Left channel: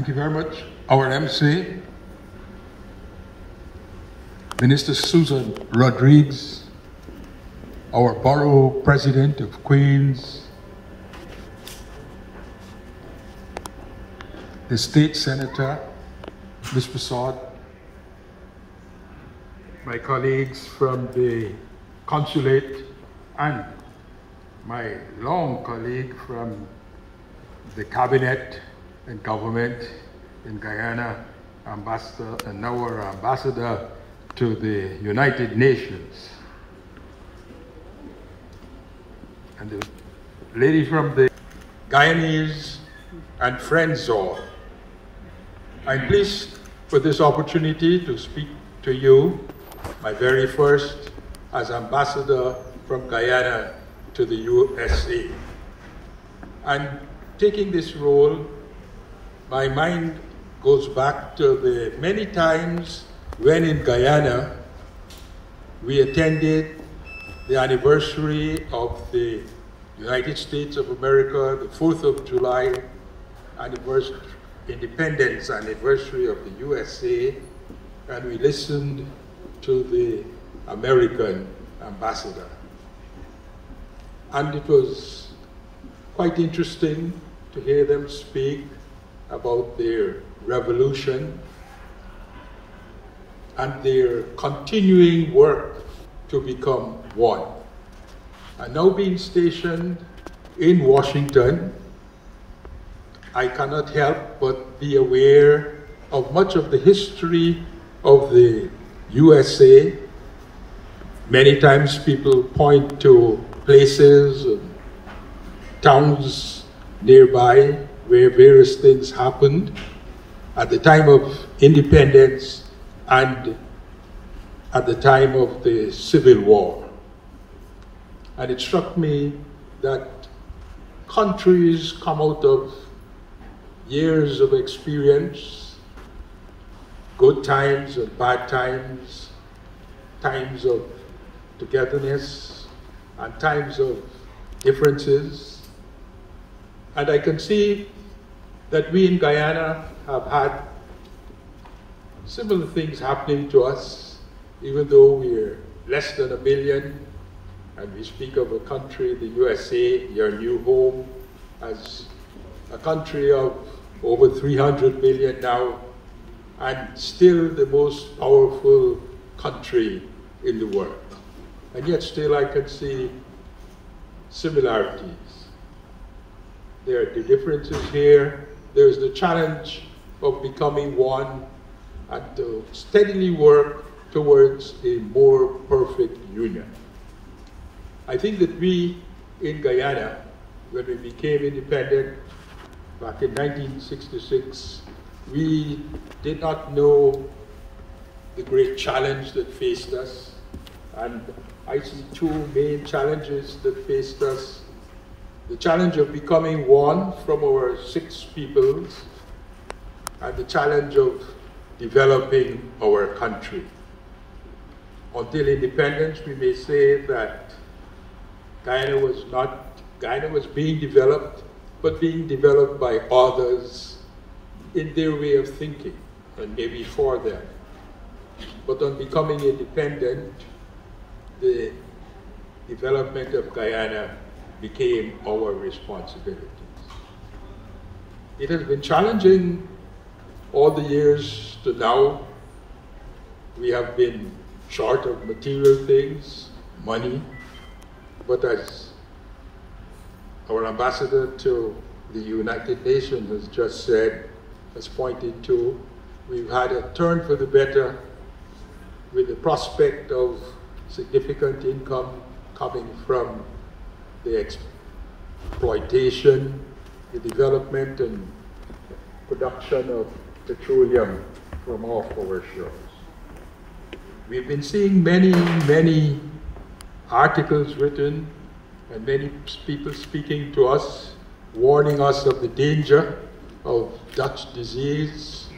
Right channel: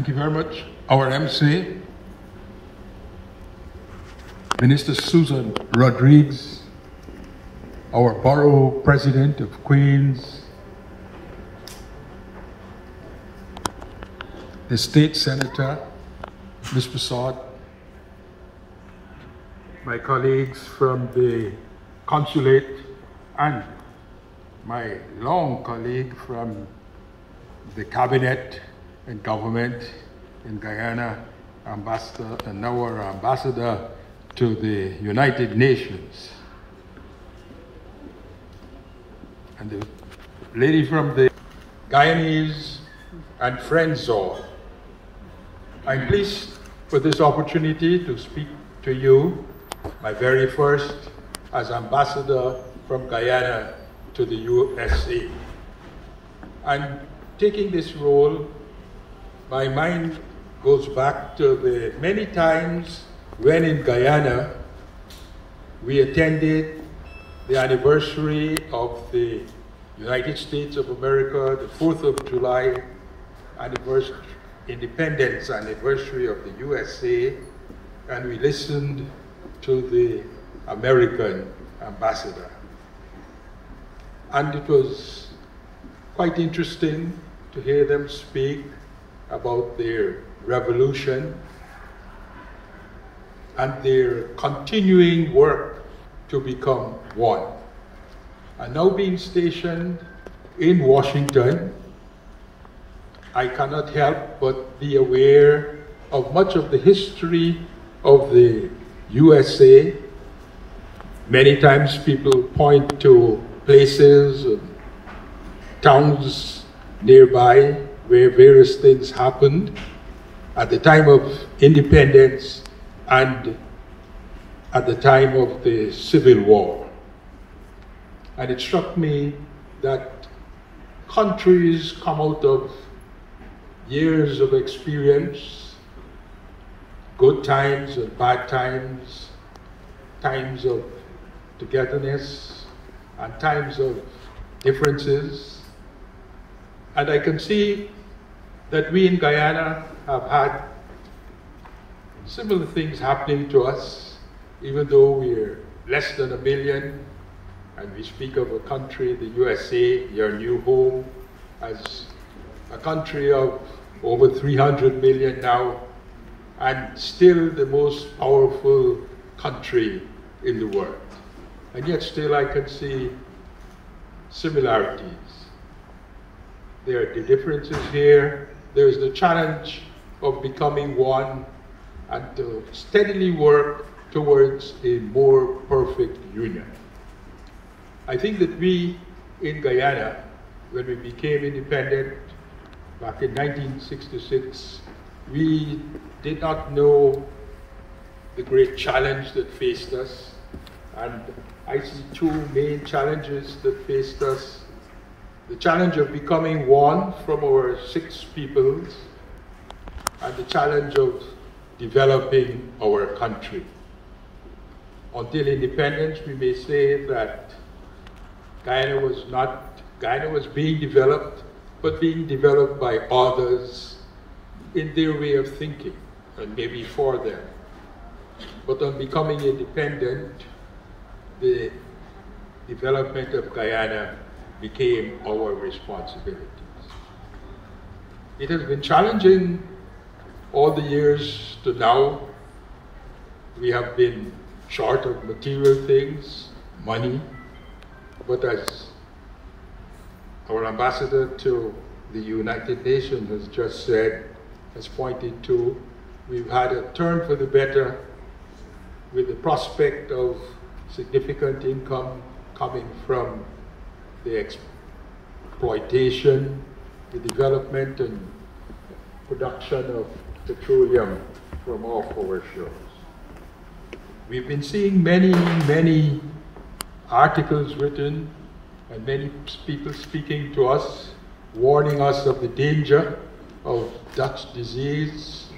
Thank you very much. Our MC, Minister Susan Rodriguez, our Borough President of Queens, the State Senator, Ms. Prasad, my colleagues from the Consulate, and my long colleague from the Cabinet and Government in Guyana, Ambassador, and now our Ambassador to the United Nations. And the lady from the Guyanese and friends all. I'm pleased for this opportunity to speak to you, my very first as Ambassador from Guyana to the USA. And taking this role, my mind goes back to the many times when in Guyana we attended the anniversary of the United States of America, the 4th of July anniversary, independence anniversary of the USA, and we listened to the American ambassador. And it was quite interesting to hear them speak about their revolution and their continuing work to become one. And now being stationed in Washington, I cannot help but be aware of much of the history of the USA. Many times people point to places, towns nearby where various things happened at the time of independence and at the time of the Civil War. And it struck me that countries come out of years of experience, good times and bad times, times of togetherness and times of differences. And I can see that we in Guyana have had similar things happening to us, even though we're less than 1 million, and we speak of a country, the USA, your new home, as a country of over 300 million now, and still the most powerful country in the world. And yet still I can see similarities. There are the differences here. There's the challenge of becoming one and to steadily work towards a more perfect union. I think that we in Guyana, when we became independent back in 1966, we did not know the great challenge that faced us. And I see two main challenges that faced us. The challenge of becoming one from our 6 peoples, and the challenge of developing our country. Until independence, we may say that Guyana was being developed, but being developed by others in their way of thinking, and maybe for them. But on becoming independent, the development of Guyana became our responsibilities. It has been challenging all the years to now. We have been short of material things, money, but as our ambassador to the United Nations has just said, has pointed to, we've had a turn for the better with the prospect of significant income coming from the exploitation, the development and production of petroleum from off our shores. We've been seeing many articles written and many people speaking to us, warning us of the danger of Dutch disease.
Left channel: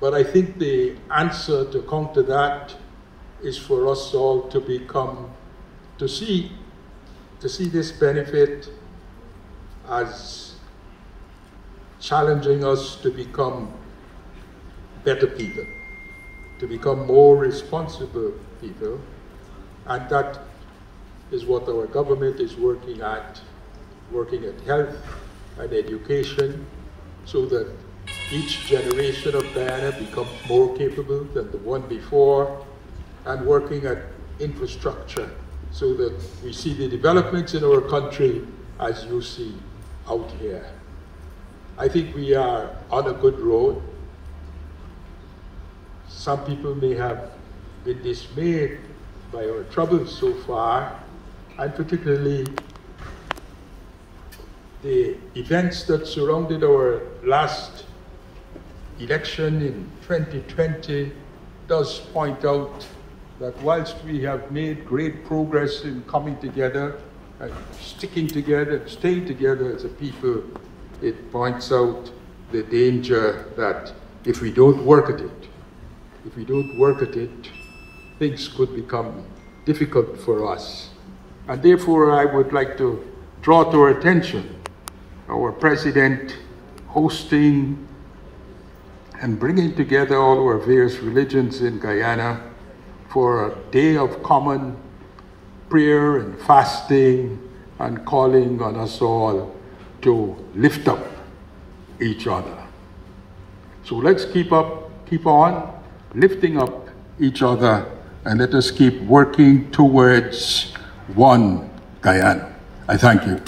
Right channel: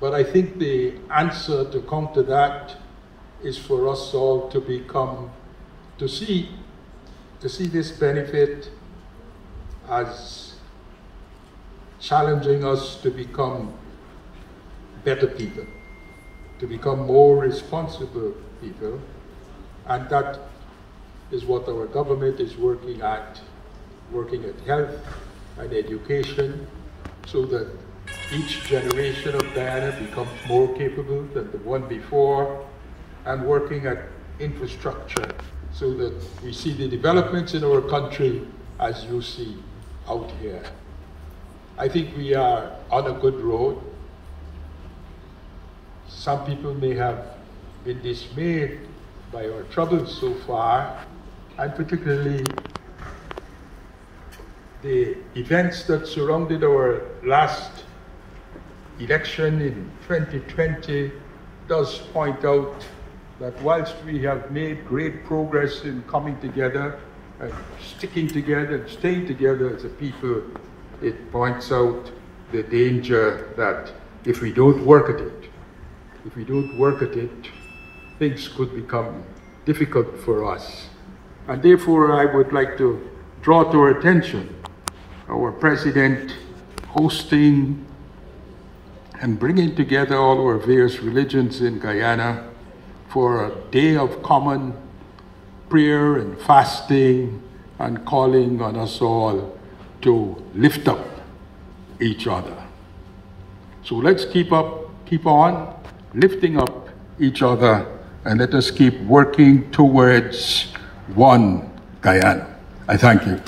But I think the answer to counter that is for us all to see this benefit as challenging us to become better people, to become more responsible people, and that is what our government is working at health and education, so that each generation of Guyana becomes more capable than the one before, and working at infrastructure so that we see the developments in our country as you see out here. I think we are on a good road. Some people may have been dismayed by our troubles so far, and particularly the events that surrounded our last election in 2020 does point out that whilst we have made great progress in coming together and sticking together and staying together as a people, it points out the danger that if we don't work at it, things could become difficult for us. And therefore, I would like to draw to our attention our President hosting and bringing together all our various religions in Guyana for a day of common prayer and fasting, and calling on us all to lift up each other. So let's keep on lifting up each other, and let us keep working towards one Guyana. I thank you.